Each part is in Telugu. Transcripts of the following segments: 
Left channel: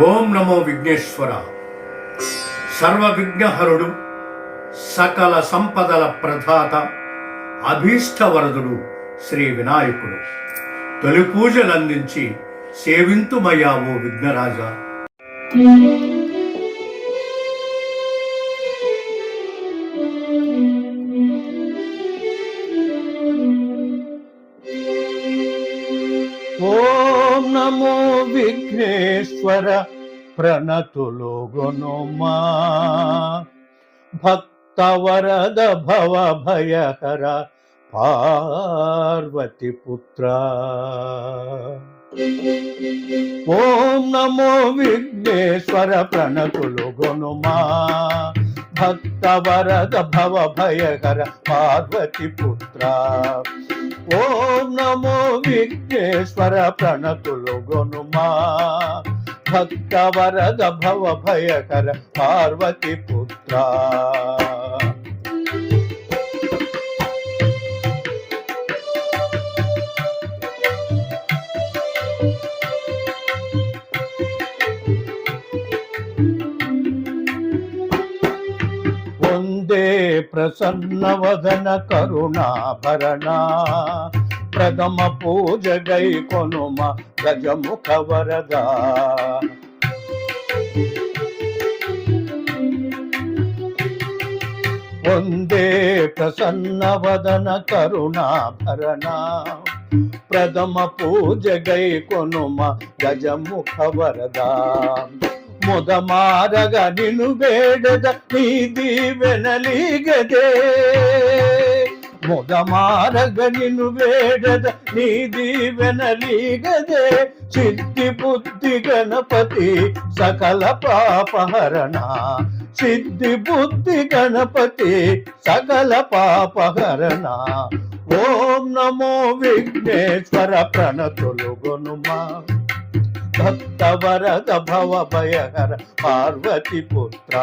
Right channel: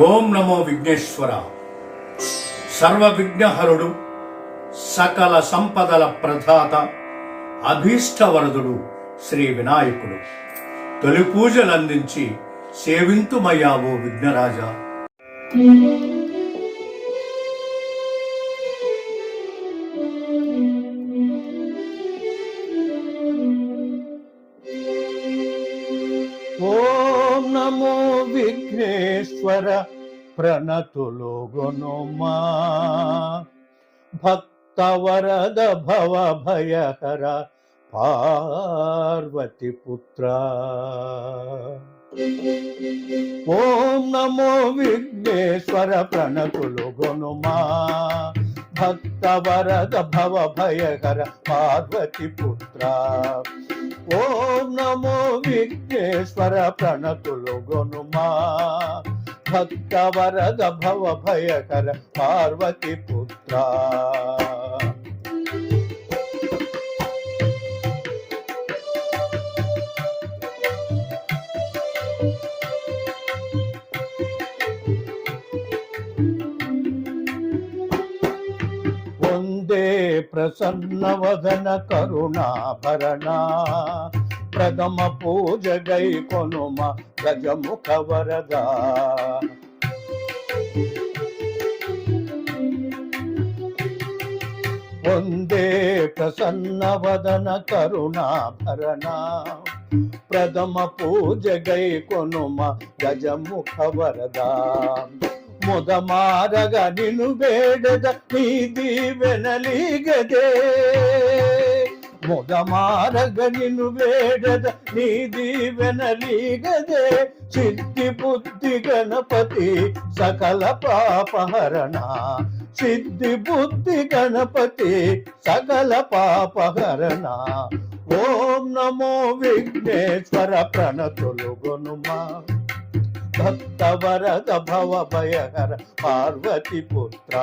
ఓం నమో విఘ్నేశ్వర. సర్వ విఘ్నహరుడు, సకల సంపదల ప్రదాత, అభీష్టవరదుడు శ్రీ వినాయకుడు. తొలి పూజలందించి సేవింతుమయ్యా ఓ విఘ్నరాజా. ఓం నమో విఘ్నేశ్వర ప్రణతులు గునుమా, భక్తవరద భవ భయహర పార్వతి పుత్ర. ఓం నమో విఘ్నేశ్వర ప్రణతులు గునుమా, భక్తవరద భవ భయహర పార్వతి పుత్ర. ఓం నమో విఘ్నేశ్వర ప్రణతులు గునుమా, భక్తవరద భవ భయకర పార్వతి పుత్ర. వందే ప్రసన్నవదన కరుణాభరణ, ప్రథమ పూజ గై కొనుమ గజముఖ వరద. వందే ప్రసన్నవదన కరుణాభరణ, ప్రథమ పూజ గై కొనుమ గజముఖ వరద. మొదమారగ నిను వేడద నీ దీవెనలీగదే, మొదమారగ నిను వేడద నీ దీవెనలీగదే. సిద్ధి బుద్ధి గణపతి సకల పాపహరణ, సిద్ధి బుద్ధి గణపతి సకల పాపహరణ. ఓం నమో విఘ్నేశ్వర ప్రణతులు గునుమా, భక్తవరద భవ భయహర పార్వతి పుత్ర.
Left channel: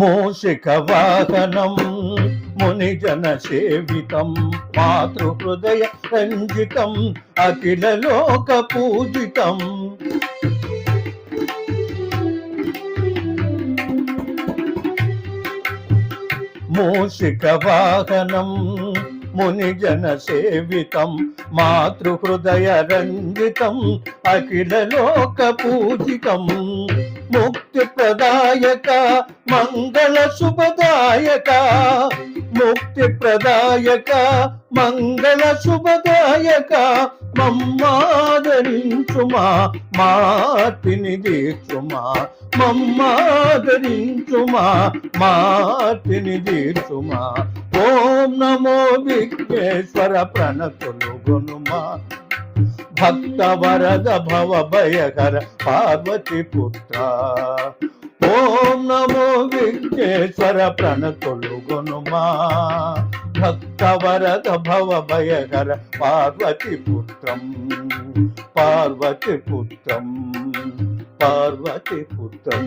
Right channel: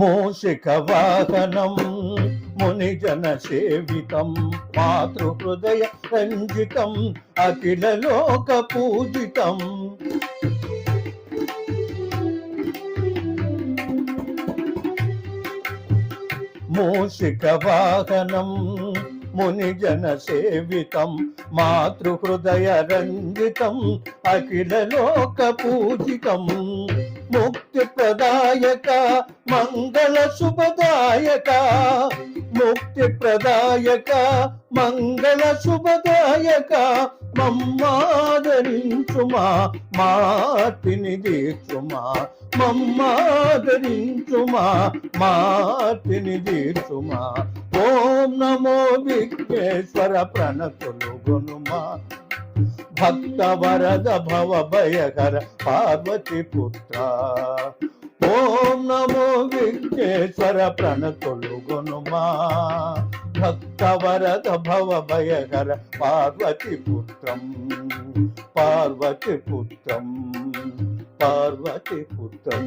మూషిక వాహనం మునిజన సేవితం, మాతృహృదయ రంజితం అఖిల లోక పూజితం. మూషిక వాహనం మునిజన సేవితం, మాతృహృదయ రంజితం అఖిల లోక పూజితం. ముక్తి ప్రదాయక మంగళ శుభదాయక, ముక్తి ప్రదాయక మంగళ శుభదాయక. మమ్మాదరించుమా మాతిని దీర్చుమా, మమ్మాదరించుమా మాతిని దీర్చుమా. ఓం నమో విఘ్నేశ్వర ప్రణతులు గునుమా, భక్తవరద భవ భయకర పార్వతి పుత్ర. ఓం నమో విఘ్నేశ్వర ప్రణతులు గునుమా, భక్తవరద భవ భయకర పార్వతి పుత్రం, పార్వతి పుత్రం, పార్వతి పుత్రం.